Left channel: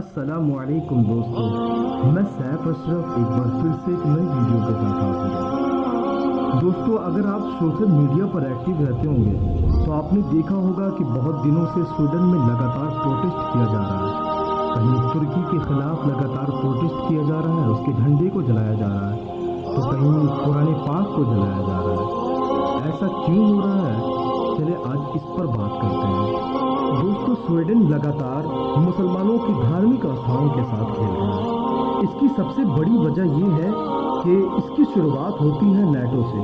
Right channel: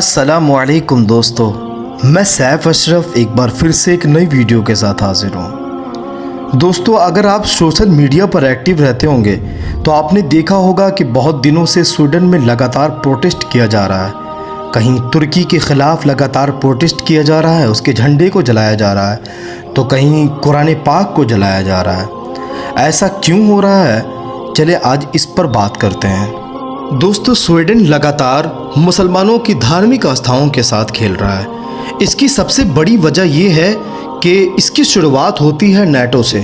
अस्सलामुअलैकुम दोस्तों, मैं सैफ अशरफ एक बार फिर से एक नई वीडियो के साथ हाजिर हूँ। दोस्तों, अगर आप सोशल मीडिया पर एक्टिव रहते होंगे तो आपने देखा होगा कि बहुत दिनों से स्वीडन में लगातार प्रोटेस्ट किया जा रहा है। कहीं तुर्की के ख़िलाफ़ लगातार प्रोटेस्ट किया जा रहा है, उसके झंडे को जलाया जा रहा है, तो कहीं कुरान पाक को जलाया जा रहा है। ऐसा क्यों हो रहा है, चले आज इस पर बात करते हैं। दोस्तों, स्वीडन लगातार मुसलमानों की धार्मिक आस्थाओं के साथ खेल रहा है। इसकी सबसे बड़ी वजह यह है कि इसकी शुरुआत होती है नेटो से।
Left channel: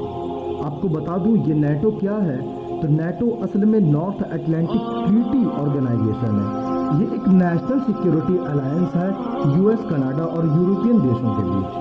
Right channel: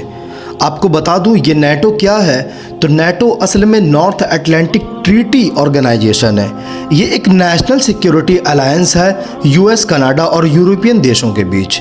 आपको बता दूं, ये नेटो क्या है, तो नेटो असल में नॉर्थ अटलांटिक ट्रीटी ऑर्गेनाइजेशन है। ये एक नेशनल सिक्योरिटी अलायंस है यूएस, कनाडा और यूरोपियन देशों के बीच।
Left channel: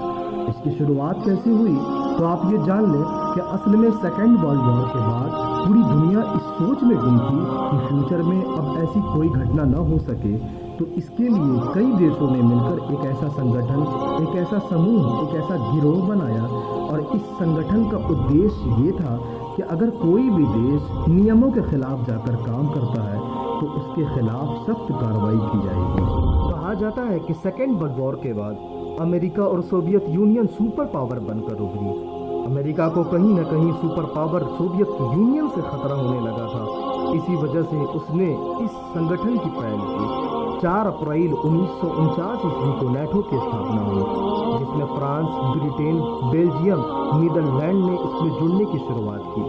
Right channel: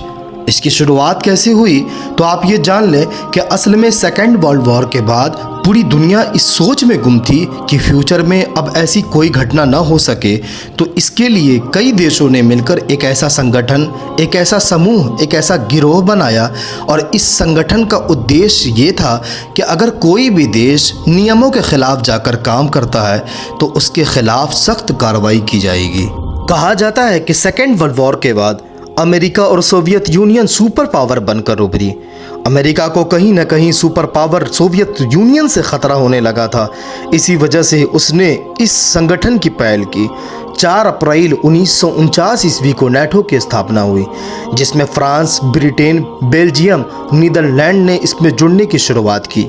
इसकी शुरुआत कैसे हुई, तो आप ये जान लें कि असल में सेकेंड वर्ल्ड वॉर के बाद पूरी दुनिया इस सोच में गुम थी कि फ्यूचर में अब ऐसी कोई घटना ना हो सके, तो इसके लिए कई देशों ने मिलकर एक ऐसा संगठन, एक ऐसा समूह, एक ऐसा गिरोह बनाया। और इस संगठन का उद्देश्य ये था कि अगर कोई भी देश नियमों के ख़िलाफ़ जाकर काम करता है तो उसके ख़िलाफ़ सख्त कार्रवाई की जाएगी। कहा जाता है कि सेकेंड वर्ल्ड वॉर के बाद अमेरिका और सोवियत यूनियन सुपर पावर बनकर उभरी। अमेरिका को कहीं ना कहीं सुपर पावर सोवियत यूनियन से ख़तरा होने लगा था। इसी वजह से उसने इस संगठन की पहल की। 4 अप्रैल 1949 ईस्वी को नेटो की स्थापना हुई, जिसमें फ्रांस, ब्रिटेन, बेल्जियम, नीदरलैंड ने इसमें जुड़ने की शुरुआत की।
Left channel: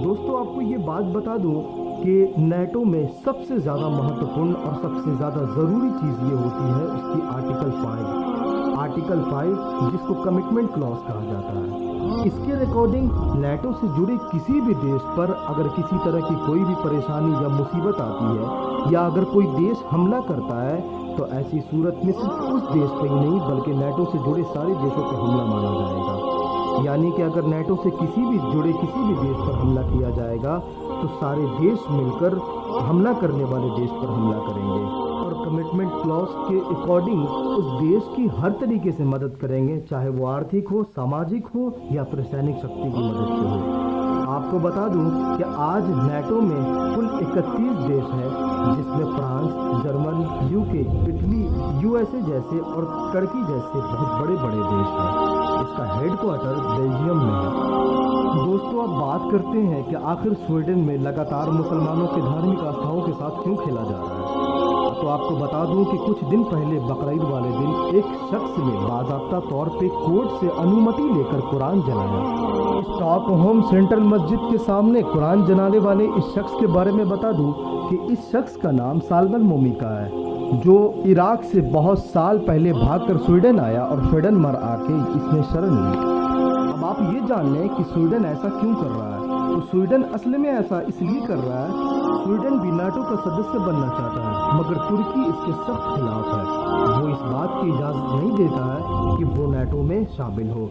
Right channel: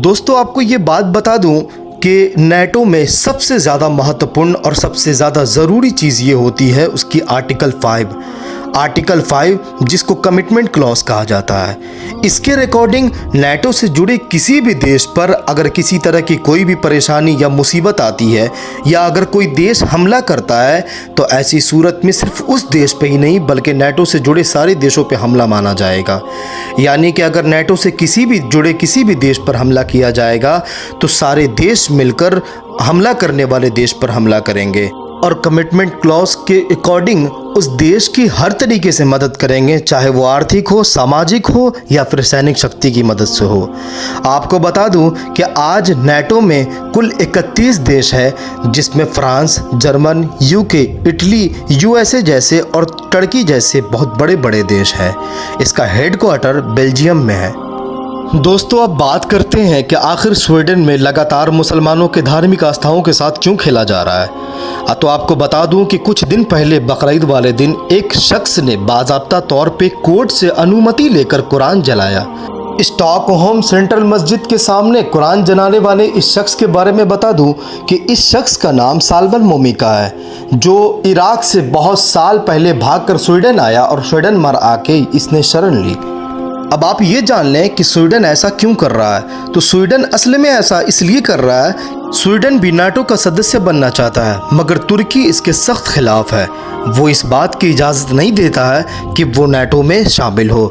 दोस्तों, आपको ये बात बता दूं कि नेटो में सबसे ज़्यादा महत्वपूर्ण और सबसे ज़्यादा ज़रूरी चीज़ ये होती है उसकी आर्टिकल 5, जिसको कमिटमेंट क्लॉज कहा जाता है। इसके रिकॉर्डिंग नेटो से जुड़े किसी भी देश पर अगर किसी तरह की कोई भी परेशानी या मुसीबत आती है, या अगर कोई देश हमला करता है, तो ऐसी सूरत में सिर्फ उस देश पे ही नहीं बल्कि नेटो से जुड़े सारे देशों पे हमला माना जाएगा। यानी कि अगर नेटो से किसी भी देश पर हमला किया जाएगा तो सारे देश मिलकर हमला करने वाले देश पर हमला करेंगे और कमिटमेंट क्लॉज के अकॉर्डिंग उस देश की हर तरीके से मदद करेंगे, चाहे वो आर्थिक हो, सामाजिक हो या फिर सैनिक शक्ति की मदद से हो। आपको बता दूं कि आज नेटो में कुल 31 देश है, जिसमें France, German, UK, Italy, USA जैसे और टर्की जैसे बहुत बड़े बड़े देश हैं। इसका हेडक्वार्टर बेल्जियम में है। दोस्तों, अब बात करते हैं कि आखिर स्वीडन में लगातार मुसलमानों के धार्मिक आस्थाओं के साथ क्यों खेला जा रहा है। तो आपको बता दूं कि कुछ दिन पहले बकरीद वाले दिन एक शख्स ने बाज़ाब्ता तौर पे कोर्ट से अनुमति लेकर कुरान जलाया। स्टॉकहोम सेंट्रल मस्जिद के सामने कुरान जलाने वाले इस शख्स के बारे में बता दूं कि इस शख्स का नाम साल्वन मोमिका है, जो इराक से बहुत साल पहले भागकर स्वीडन आया और स्वीडन मर आके इसने शरण ली। अब आप ये जान लें कि स्वीडन ऐसा क्यों कर रहा है। तो स्वीडन असल में ऐसा इसलिए कर रहा है, स्वीडन भी नाटो का सदस्य बनना चाहता है, मगर तुर्की इसके सख्त खिलाफ है। वो इस बात की इजाज़त नहीं देता है कि वो नाटो में शामिल हो।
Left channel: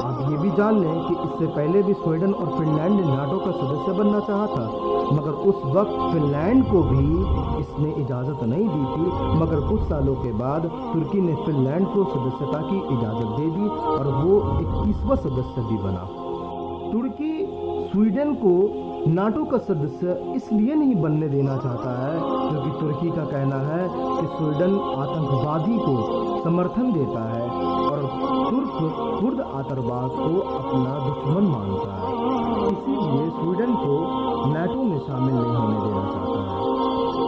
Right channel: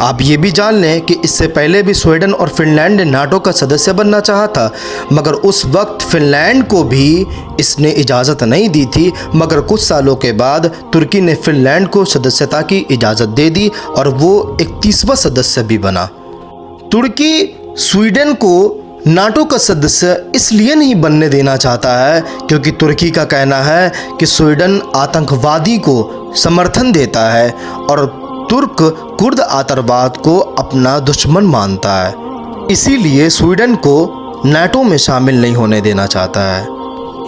आप ये भी जान लें कि इससे पहले भी स्वीडन और फिनलैंड ने नाटो का सदस्य बनना चाहा था, मगर उस वक्त फिनलैंड को भी इसने इजाज़त नहीं दी थी। मगर कुछ सालों के बाद तुर्की ने फिनलैंड को सदस्यता की इजाज़त दे दी और वो 31वां सदस्य भी बना। तुर्की स्वीडन को नाटो का सदस्य इसलिए नहीं बनने देना चाहता है क्योंकि तुर्की का कहना है कि स्वीडन आतंकवादी को समर्थन देता है और तुर्क कुर्द आतंकवाद को अपना दुश्मन मानता है। इसीलिए स्वीडन को नाटो में शामिल नहीं होने देना चाहता है।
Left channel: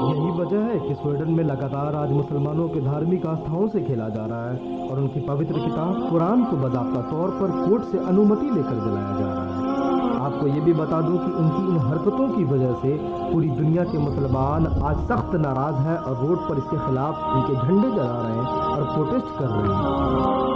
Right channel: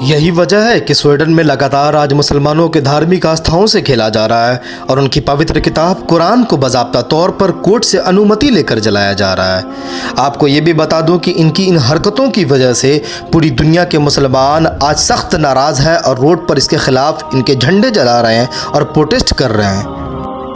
यही वजह है कि स्वीडन में लगातार आज मुसलमानों के धार्मिक आस्थाओं से खेला जा रहा है और उनकी पवित्र किताब कुरान को बाज़ाब्ता तौर पर कोर्ट से अनुमति लेकर जलाया जा रहा है। आपको ये भी बता दूं कि इनकी इन हरकतों की वजह से पूरी दुनिया के मुसलमान आज सख्त नाराज़ हैं और रोड पर इसके ख़िलाफ़ इनके झंडे जला रहे हैं और प्रोटेस्ट कर रहे हैं।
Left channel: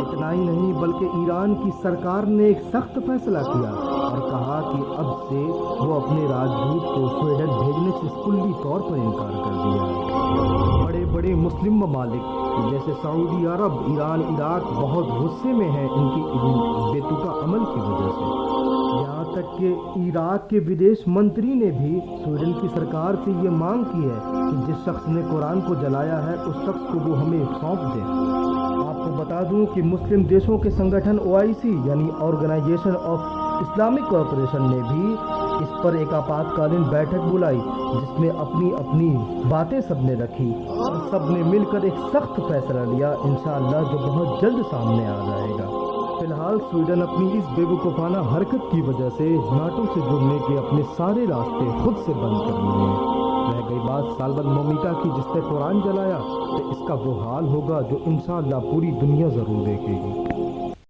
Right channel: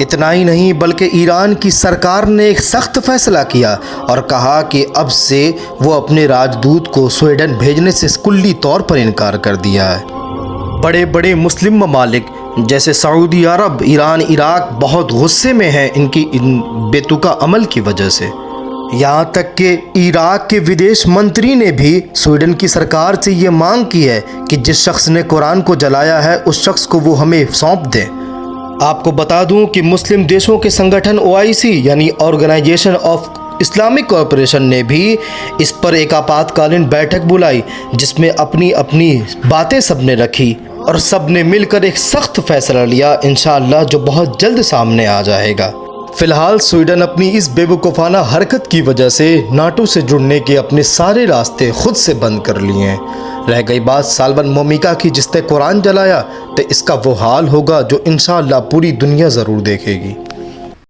इतना ही नहीं बल्कि ईरान की सरकार ने एक सख्त फैसला किया और कहा कि अब से वो अपने राजदूत को स्वीडन भेजने से कुल्ली तौर पर इनकार कर दिया है। बड़े बड़े मुस्लिम ममालिक जैसे सऊदी अरब, ईरान, इराक बहुत गुस्से में हैं इनकी इन बेतुका अमल की वजह से। यहाँ तक कि इराक के विदेश मंत्री ने भी स्वीडन की सरकार से ये मांग की है कि जिस शख्स ने कुरान को जलाया है उस शख्स को वो हमें सौंप दें। आपको बता दूं कि मुस्लिम देशों के संगठन OIC यानी ऑर्गेनाइजेशन ऑफ इस्लामिक कॉरपोरेशन ने भी इस पर एक आपातकालीन बैठक बुलाई, जिसमें अपनी अपनी बातें सबने रखी और सबने मिलकर एक सख्त फैसला लिया इंशाअल्लाह, जो बहुत जल्द सामने आ जाएगा। फिलहाल स्वीडन अपनी इस बेवकूफ़ाना हरकत की वजह से नाटो से जुड़ने के अपने सारे रास्ते खुद से बंद कर लिए हैं। रह गई बात साल्वन मोमिका की, जिसने कुरान जलाया, तो इसका वो हाल होगा जो इंशाअल्लाह पूरी दुनिया ज़रूर देखेगी।